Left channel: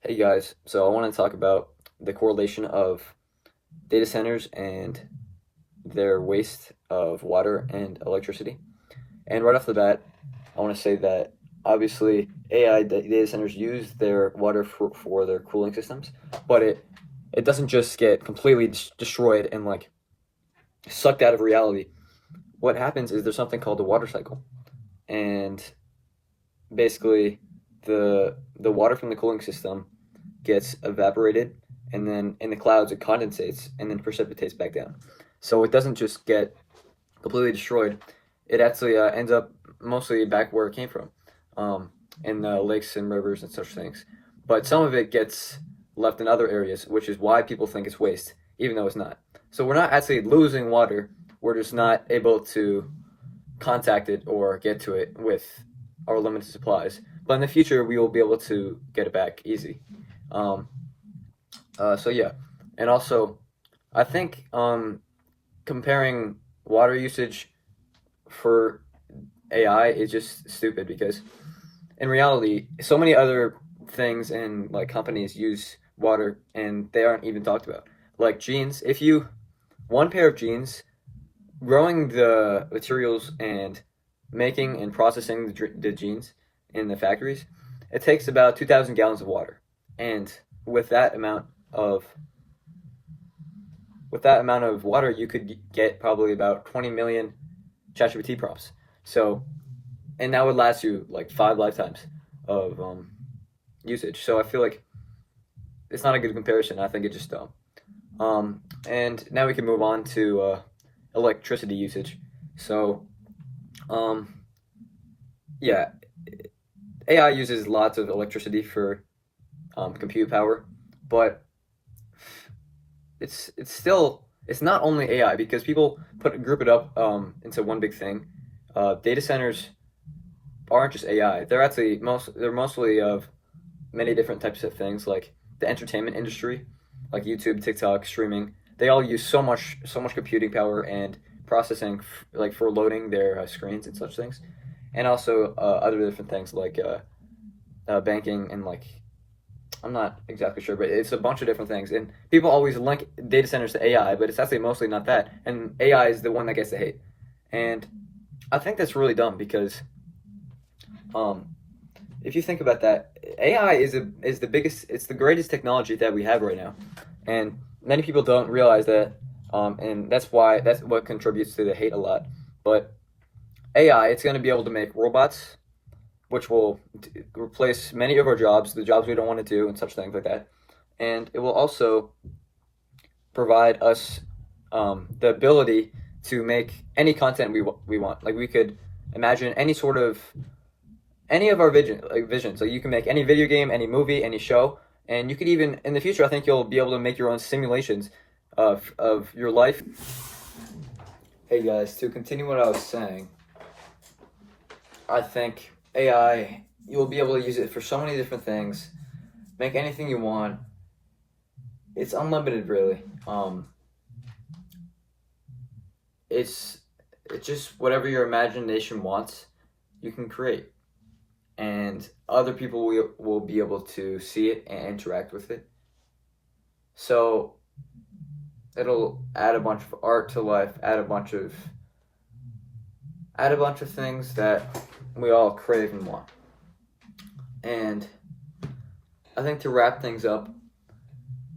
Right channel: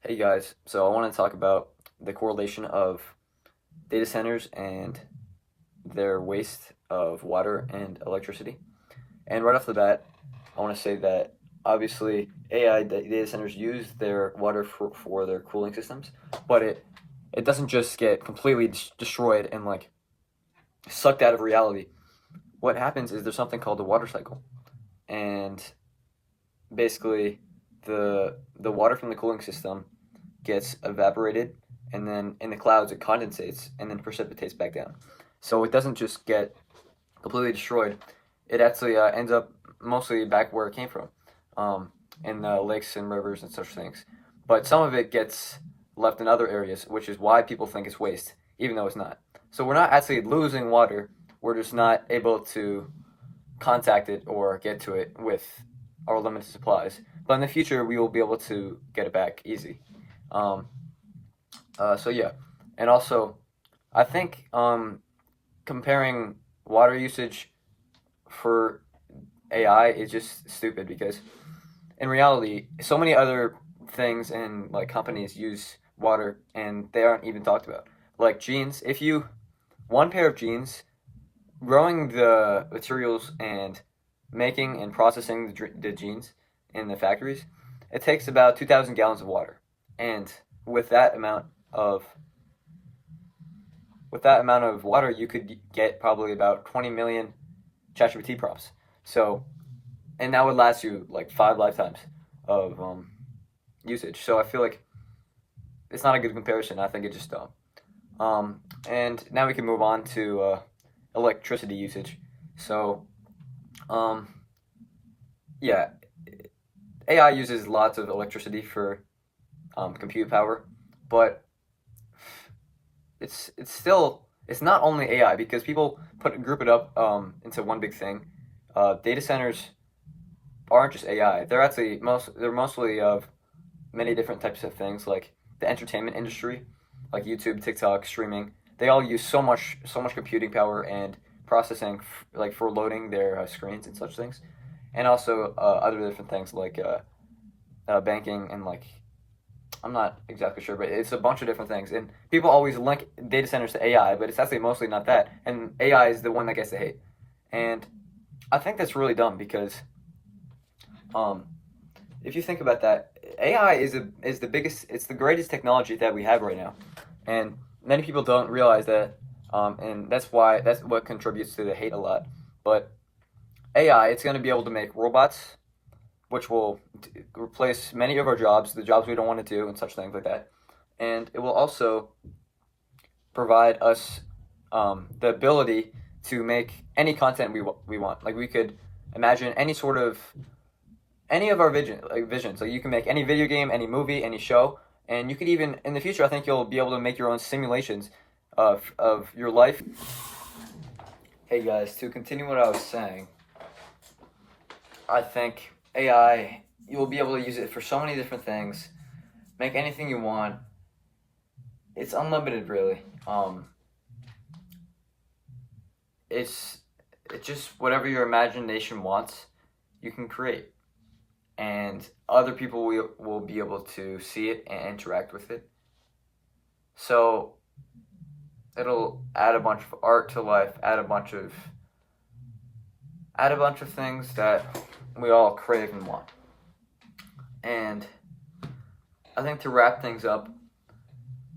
Hey guys, so I want to talk about the correlation of data centers and their waste of water and electricity. And right off the bat, I want to say that obviously data centers use their water for their cooling systems, but it doesn't just get completely destroyed and like sucked out of reality. What happens is there's something called the water cycle, and basically the water from the cooling system gets evaporated, and then in the clouds it condensates and then precipitates back down. So it doesn't just get completely destroyed. It actually ends up mostly back where it came from, in lakes and rivers and such things. But some of it gets left in other areas, which is why people think it's waste, even though it's not. So we're not actually losing water. We're just not able to contact it or get to it with our limited supplies. But in the future, we will be able to get it back easy. Um, so yeah, and also, I think comparing water usage for AI is just stupid because in reality, so many other things and like companies use water and they aren't even talked about. Like jeans, if you one pair of jeans, growing the materials and making and processing the jeans in the factories, it takes about 2,000 gallons of water, and with that amount of water, you could get probably about 20 million ChatGPT prompts. So, and that would last you like 5 lifetimes of usage. So I feel like it's not a good comparison. I think it's just dumb. And now we can move on to electricity usage. So, um, yeah, AI uses lots of electricity for compute power, but it's not only AI because people group it up into one big thing. Data centers aren't just AI. They're mostly of many different types of things like the entertainment industry, like YouTube, TikTok, streaming. They all use so much computing power and processing like for loading their screens and such things, and also other different things like banking and like I'm not exactly sure, but it's a bunch of different things. And people always link data centers to AI, but it's actually mostly not that. And AI is the one that gets the hate. And I think that's really dumb because um, if you think about that, AI is the biggest, it's the greatest technology that we have right now, and many people don't realize that, and that's what contributes to the hate a lot. But AI, it's going to be able to make robots, which will replace many of our jobs, the jobs we don't want to do, and such things like that. And it will also provide us the ability to make any content we want. Like we could imagine any of our visions. Like you can make any video game, any movie, any show, and you could even in the future. I think you'll be able to make your own simulations of your life. Hey guys, to continue what I was saying, I think AI, you'll be able to use it for so many different things, make anything you want. It's unlimited, really. It's it's just whatever your imagination wants, you can create, and other people will be able to see it and interact with it. So it'll add a bunch of art to life, add a bunch of things that we all crave and want. And I think to wrap things up,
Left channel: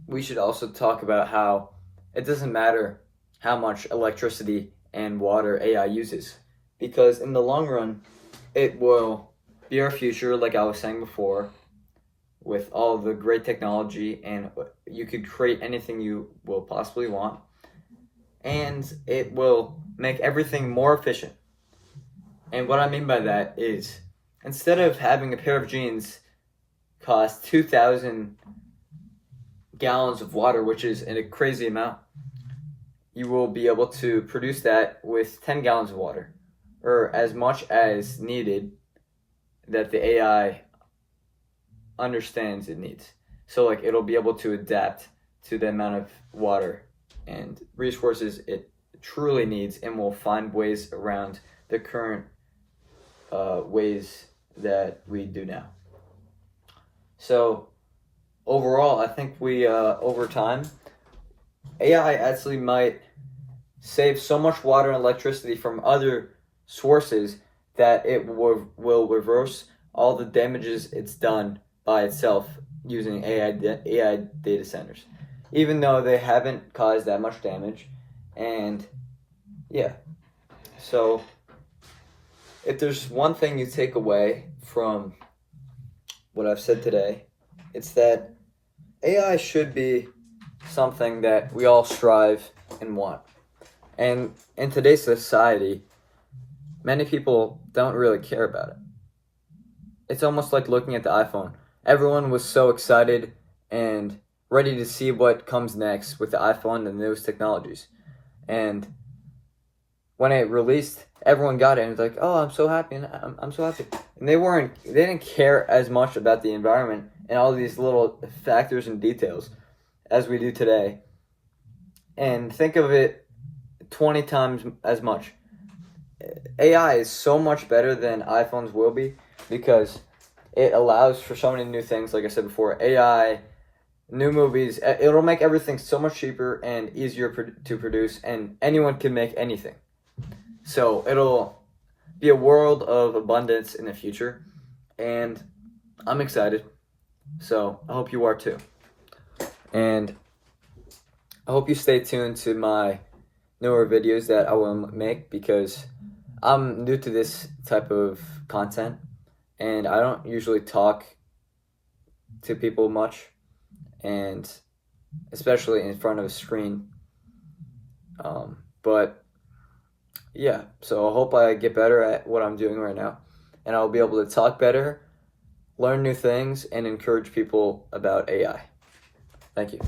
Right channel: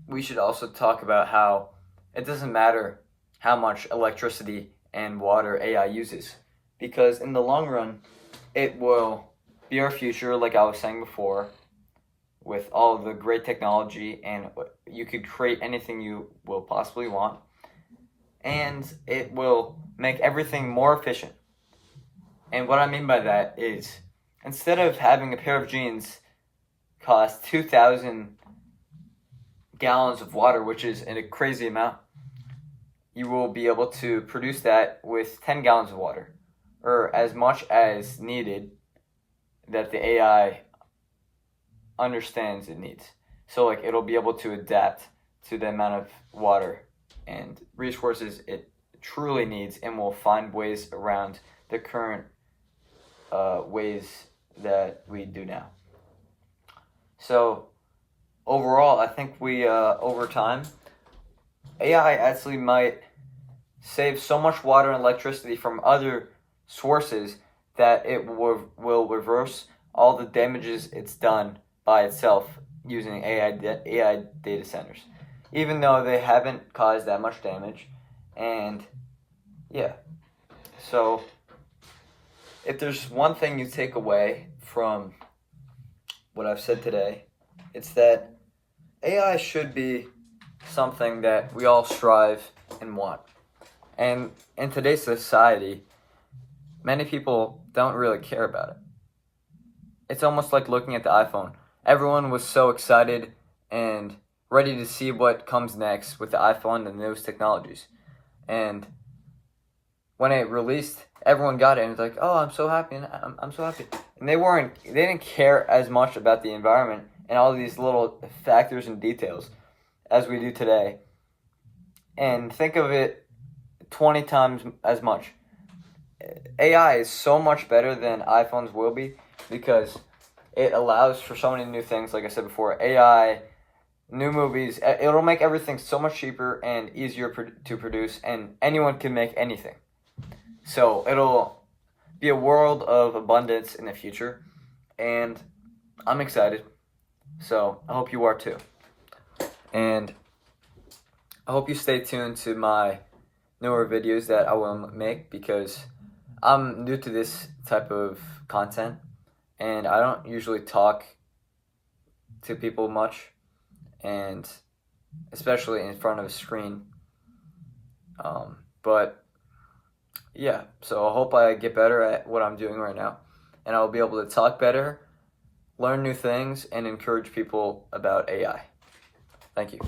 we should also talk about how it doesn't matter how much electricity and water AI uses, because in the long run, it will be our future, like I was saying before, with all of the great technology, and you could create anything you will possibly want, and it will make everything more efficient. And what I mean by that is, instead of having a pair of jeans cost 2,000 gallons of water, which is a crazy amount, you will be able to produce that with 10 gallons of water, or as much as needed that the AI understands it needs. So like it'll be able to adapt to the amount of water and resources it truly needs, and will find ways around the current ways that we do now. So overall, I think we over time, AI actually might save so much water and electricity from other sources that it will reverse all the damages it's done by itself using AI data centers, even though they haven't caused that much damage. And yeah, so if there's one thing you take away from what I've said today, it's that AI should be something that we all strive and want. And in today's society, many people don't really care about it. It's almost like looking at the iPhone. Everyone was so excited and ready to see what comes next with the iPhone and the newest technologies. And when it released, everyone got it and was like, "Oh, I'm so happy, and I'm so happy." And they didn't care as much about the environment and all these little factors and details as we do today. And think of it 20 times as much. AI is so much better than iPhones will be because it allows for so many new things. Like I said before, AI, new movies, it'll make everything so much cheaper and easier to produce, and anyone can make anything. So it'll be a world of abundance in the future, and I'm excited. So I hope you are too. And I hope you stay tuned to my newer videos that I will make, because I'm new to this type of content and I don't usually talk to people much, and especially in front of a screen. But yeah, so I hope I get better at what I'm doing right now, and I'll be able to talk better, learn new things, and encourage people about AI. Thank you.